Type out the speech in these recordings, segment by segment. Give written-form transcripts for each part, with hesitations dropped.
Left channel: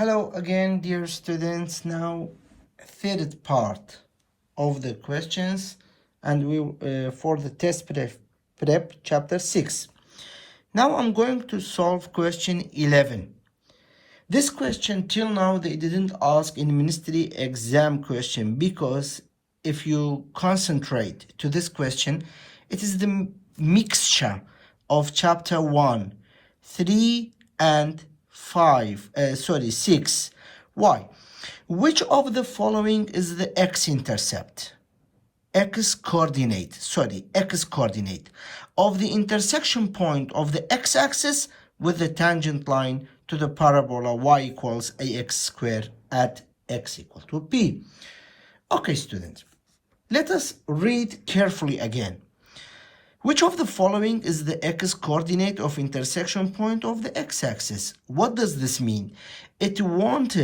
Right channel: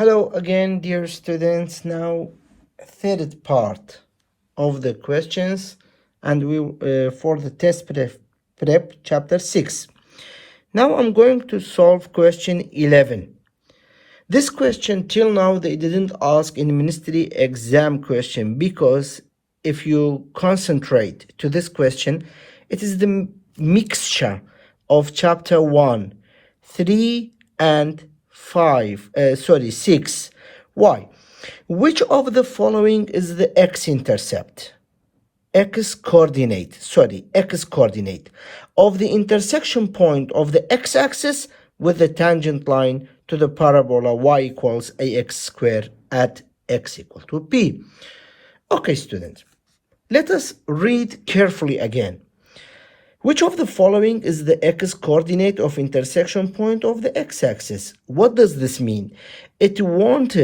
Hello again, dear students. Now, third part of the questions, and we for the test prep chapter 6. Now I'm going to solve question 11. This question till now they didn't ask in ministry exam question, because if you concentrate to this question, it is the mixture of chapter 1, 3 and 6. Why? Which of the following is the x-intercept? X coordinate of the intersection point of the x-axis with the tangent line to the parabola y equals ax squared at x equal to p. Okay, students, let us read carefully again. Which of the following is the x-coordinate of intersection point of the x-axis? What does this mean? It wants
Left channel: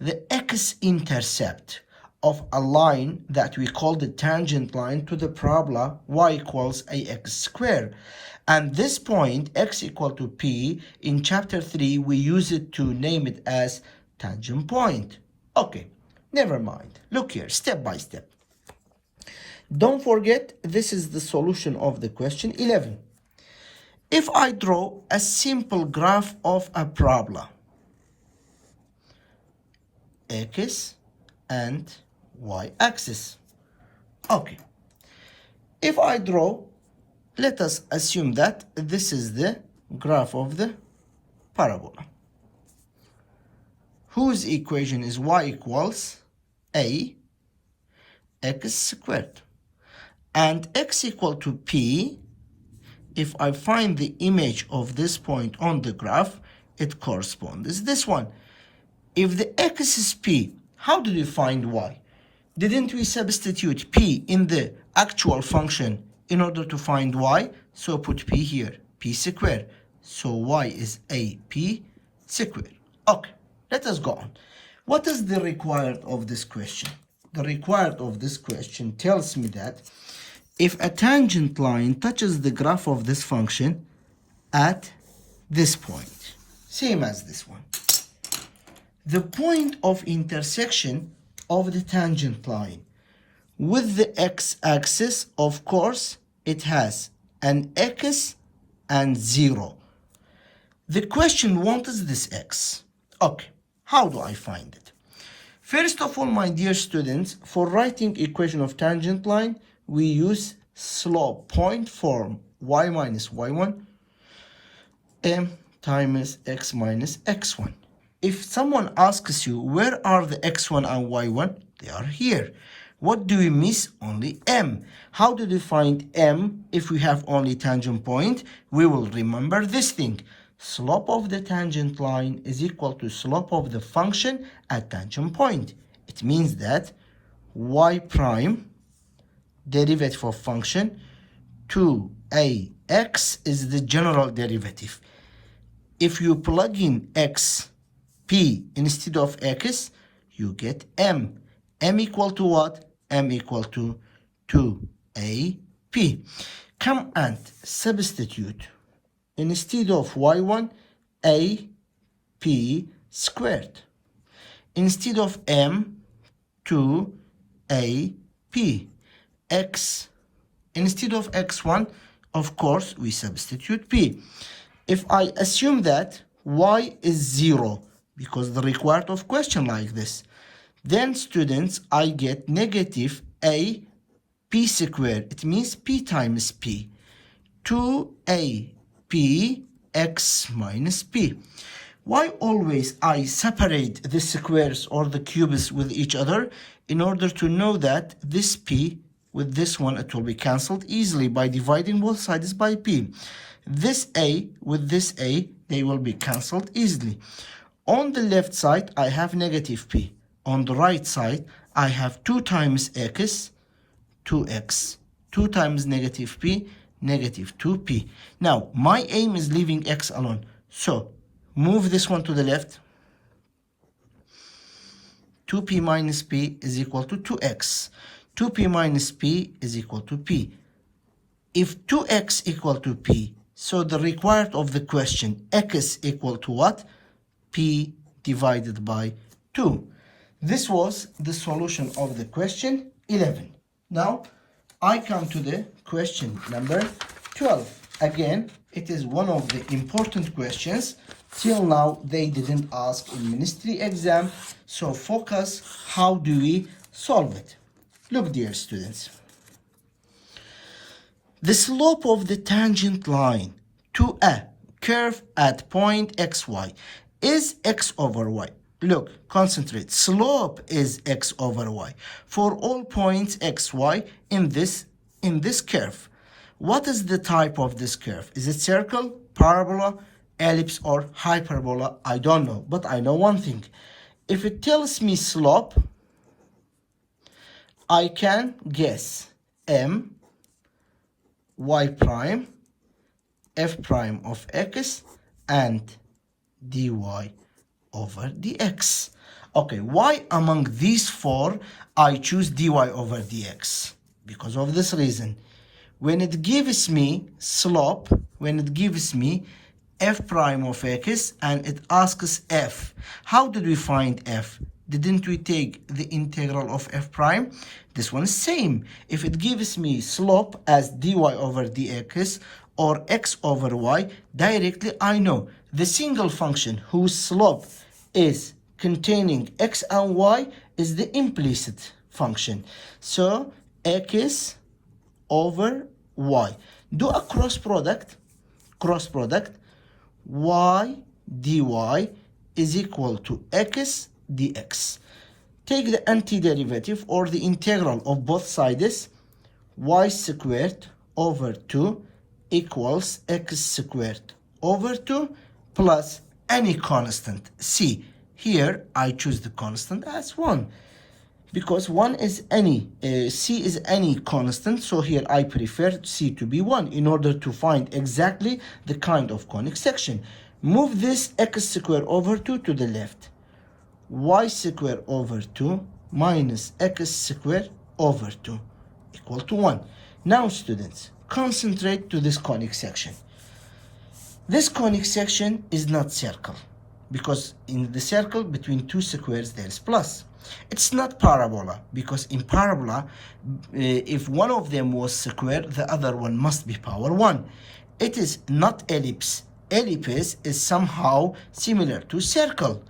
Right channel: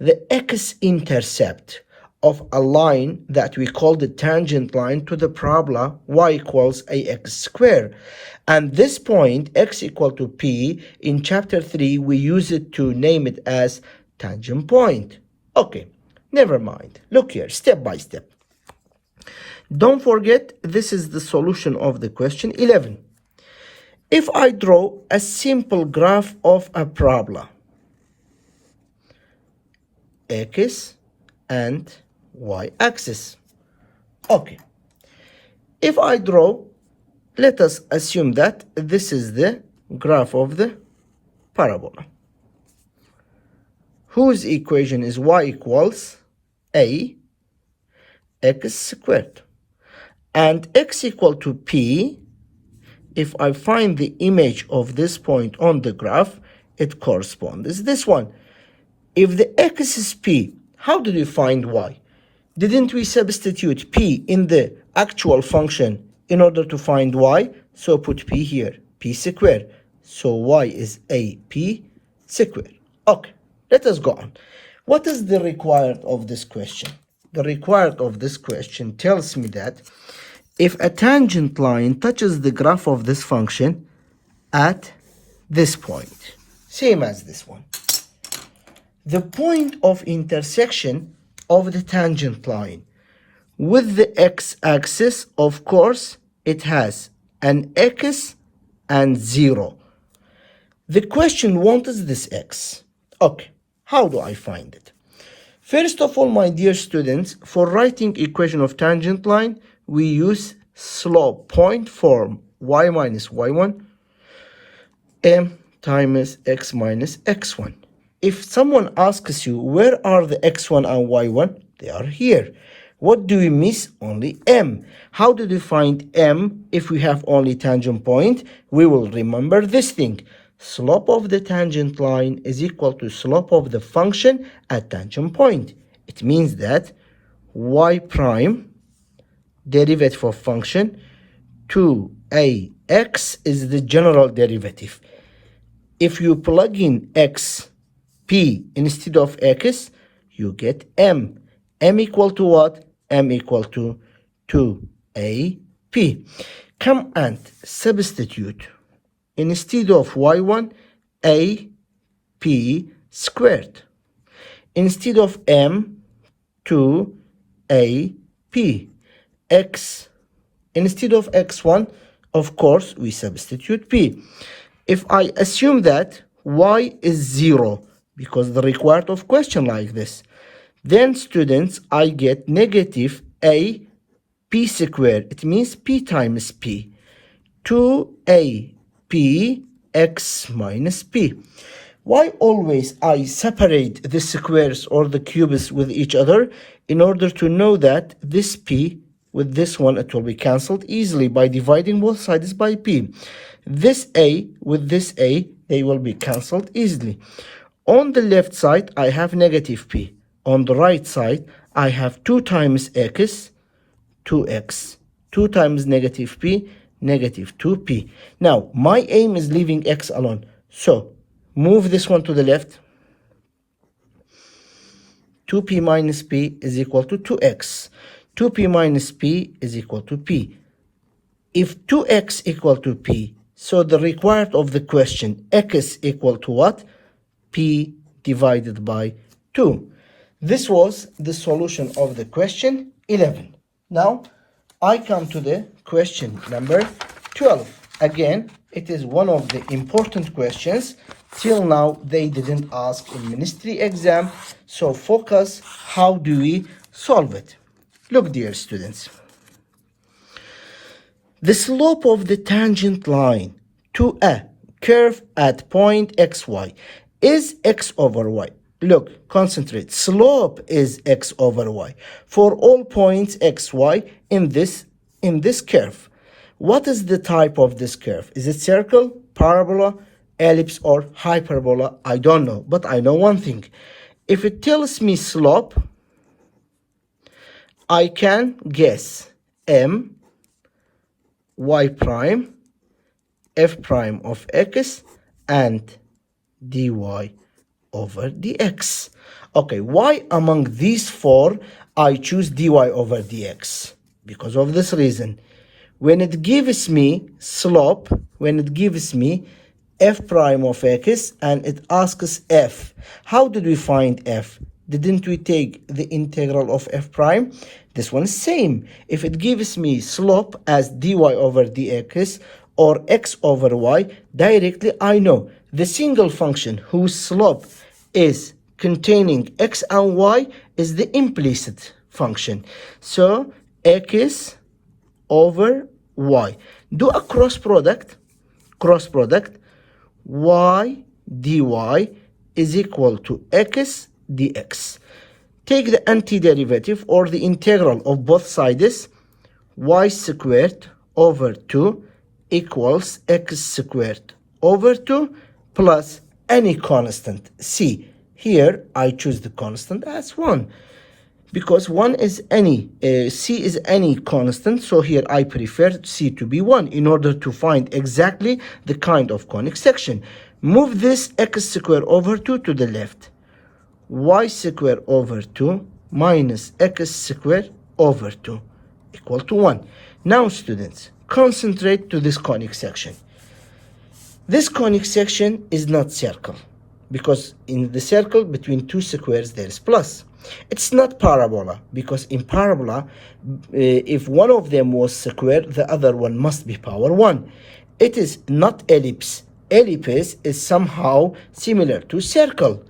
the x-intercept of a line that we call the tangent line to the parabola y equals ax squared. And this point, x equal to p, in chapter 3, we use it to name it as tangent point. Okay, never mind. Look here, step by step. Don't forget, this is the solution of the question 11. If I draw a simple graph of a parabola, x and y-axis. Okay. If I draw, let us assume that this is the graph of the parabola, whose equation is y equals a x squared. And x equal to p, if I find the image of this point on the graph, it corresponds this one. If the x is p, how did we find y? Didn't we substitute p in the actual function in order to find y? So put p here, p squared. So y is ap squared. Okay, let us go on. What is the required of this question? The required of this question tells me that if a tangent line touches the graph of this function at this point, same as this one, the point of intersection of the tangent line with the x-axis, of course, it has an x and 0. The question, what is this x? Okay, how do I find it? First of all, my dear students, for writing equation of tangent line, we use slope point form, y minus y1 m times x minus x1. If someone asks you, where are the x1 and y1? They are here. What do we miss? Only m. How did we find m if we have only tangent point? We will remember this thing. Slope of the tangent line is equal to slope of the function at tangent point. It means that y prime derivative of function 2ax is the general derivative. If you plug in x, p instead of x, you get m. M equal to what? M equal to 2ap. Come and substitute instead of y1, a p squared. Instead of m, 2a p. X, instead of x1, of course, we substitute p. If I assume that y is 0, because the required of question like this, then students, I get negative a p squared. It means p times p. 2a p x minus p. Why always I separate the squares or the cubes with each other? In order to know that this p with this one, it will be cancelled easily by dividing both sides by p. This a with this a, they will be cancelled easily. On the left side, I have negative p. On the right side, I have 2 times x, 2x. 2 times negative p, negative 2p. Now, my aim is leaving x alone. So, move this one to the left. 2p minus p is equal to 2x. 2p minus p is equal to p. If 2x equal to p, so the required of the question, x equal to what? p divided by 2. This was the solution of the question 11. Now, I come to the question number 12. Again, it is one of the important questions. Till now, they didn't ask in ministry exam. So focus, how do we solve it? Look, dear students. The slope of the tangent line to a curve at point xy is x over y. Look, concentrate. Slope is x over y for all points xy in this curve. What is the type of this curve? Is it circle, parabola, ellipse, or hyperbola? I don't know, but I know one thing. If it tells me slope, I can guess m, y prime, f prime of x, and dy over dx. Okay, why among these four I choose dy over dx? Because of this reason. When it gives me slope, when it gives me f prime of x and it asks f, how did we find f? Didn't we take the integral of f prime? This one is same. If it gives me slope as dy over dx or x over y, directly I know the single function whose slope is containing x and y is the implicit function. So x over y. Do a cross product. Y dy is equal to x dx. Take the antiderivative or the integral of both sides. Y squared over 2 equals x squared over 2 plus any constant c. Here I choose the constant as 1 because 1 is any, c is any constant, so here I prefer c to be 1 in order to find exactly the kind of conic section. Move this x squared over 2 to the left. Y squared over 2 minus x squared over 2 equal to 1. Now students, concentrate to this conic section. This conic section is not circle because in the circle between two squares there is plus. It's not parabola because in parabola if one of them was square, the other one must be power 1. It is not ellipse. Ellipse is somehow similar to circle.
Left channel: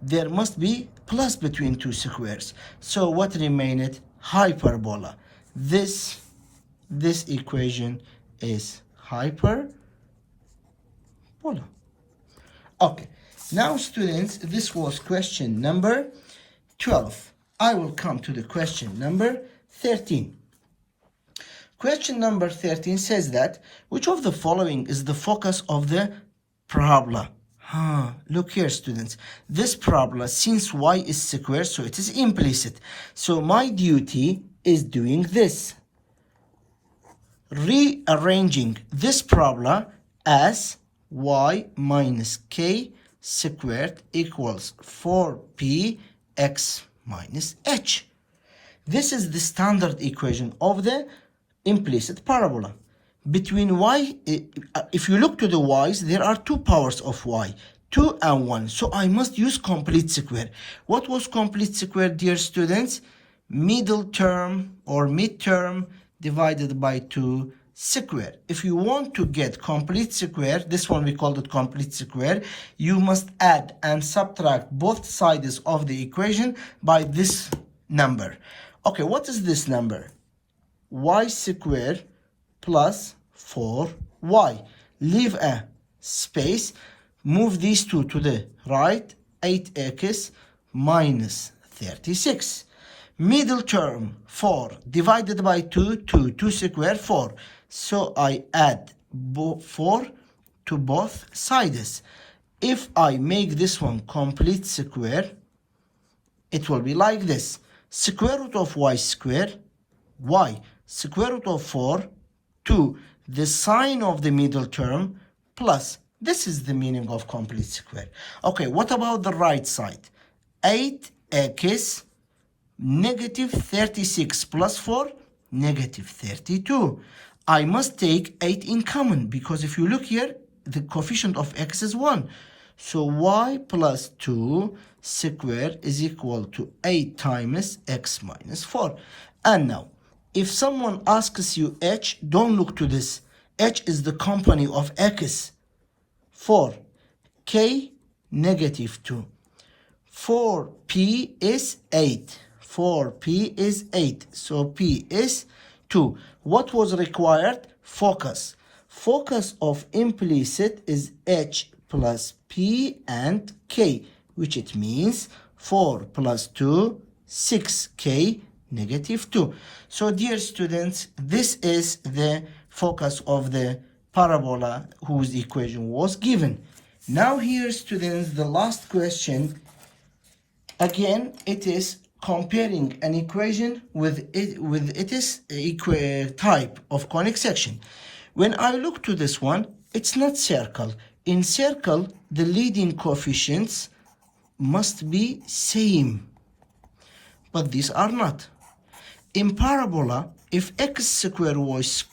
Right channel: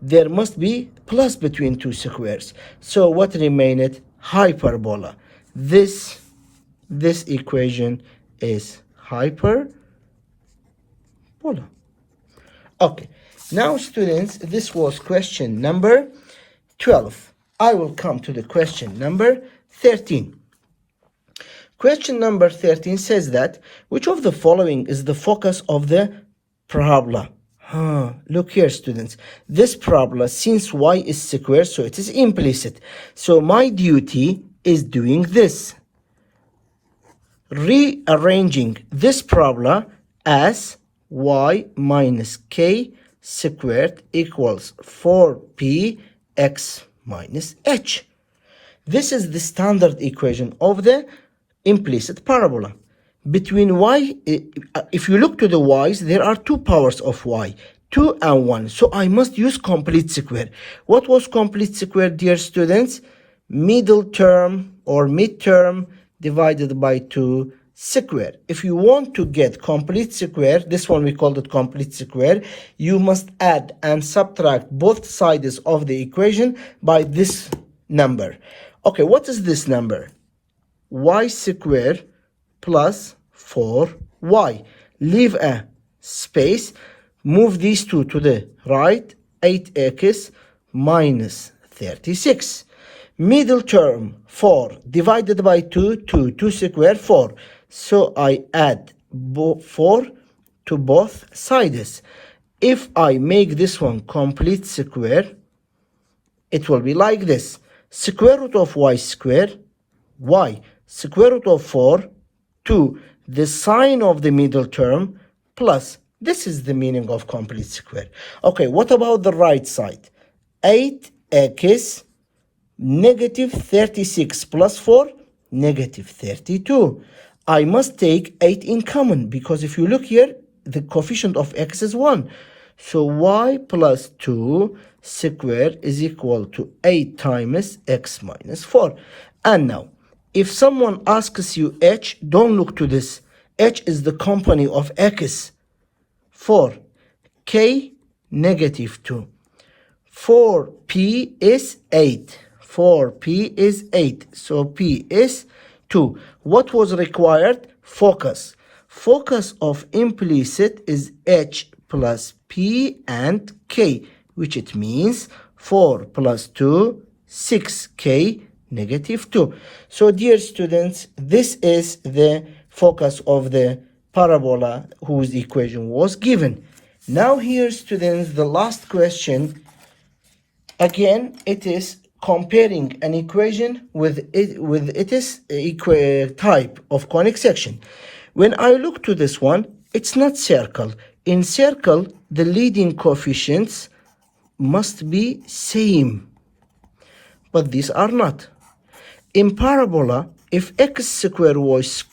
There must be plus between two squares. So what remained? Hyperbola. This equation is hyperbola. Okay, now students, this was question number 12. I will come to the question number 13. Question number 13 says that, which of the following is the focus of the parabola? Look here, students. This parabola, since y is square, so it is implicit. So my duty is doing this. Rearranging this parabola as y minus k squared equals 4p x minus h. This is the standard equation of the implicit parabola. Between y, if you look to the y's, there are two powers of y, 2 and 1. So I must use complete square. What was complete square, dear students? Middle term or midterm divided by 2 square. If you want to get complete square, this one we called it complete square, you must add and subtract both sides of the equation by this number. Okay, what is this number? Y squared plus 4y. Leave a space. Move these two to the right. 8x minus 36. Middle term 4 divided by 2 squared 4. So I add 4 to both sides. If I make this one complete square, it will be like this. Square root of y squared, y. Square root of 4, 2. The sign of the middle term plus. This is the meaning of complete square. Okay, what about the right side? 8x negative 36 plus 4, negative 32. I must take 8 in common because if you look here, the coefficient of x is 1. So y plus 2 square is equal to 8 times x minus 4. And now, if someone asks you h, don't look to this. H is the company of x. 4. K, negative 2. 4p is 8. 4p is 8. So p is 2. What was required? Focus. Focus of implicit is h plus p and k, which it means 4 plus 2, 6k, negative 2. So dear students, this is the focus of the parabola whose equation was given. Now here, students, the last question. Again, it is comparing an equation with its type of conic section. When I look to this one, it's not circle. In circle, the leading coefficients must be same, but these are not. In parabola, if x square was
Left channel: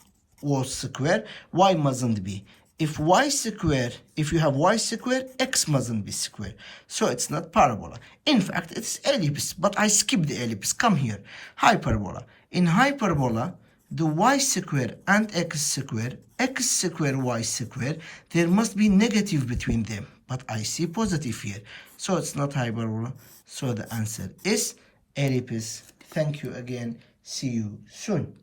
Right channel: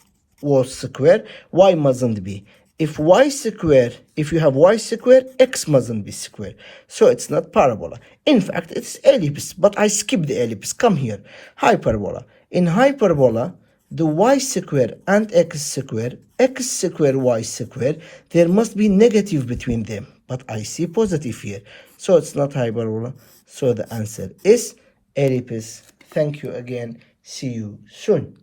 square, y mustn't be. If you have y square, x mustn't be square. So it's not parabola. In fact, it's ellipse, but I skipped the ellipse. Come here. Hyperbola. In hyperbola, the y square and x square, y square, there must be negative between them. But I see positive here. So it's not hyperbola. So the answer is ellipse. Thank you again. See you soon.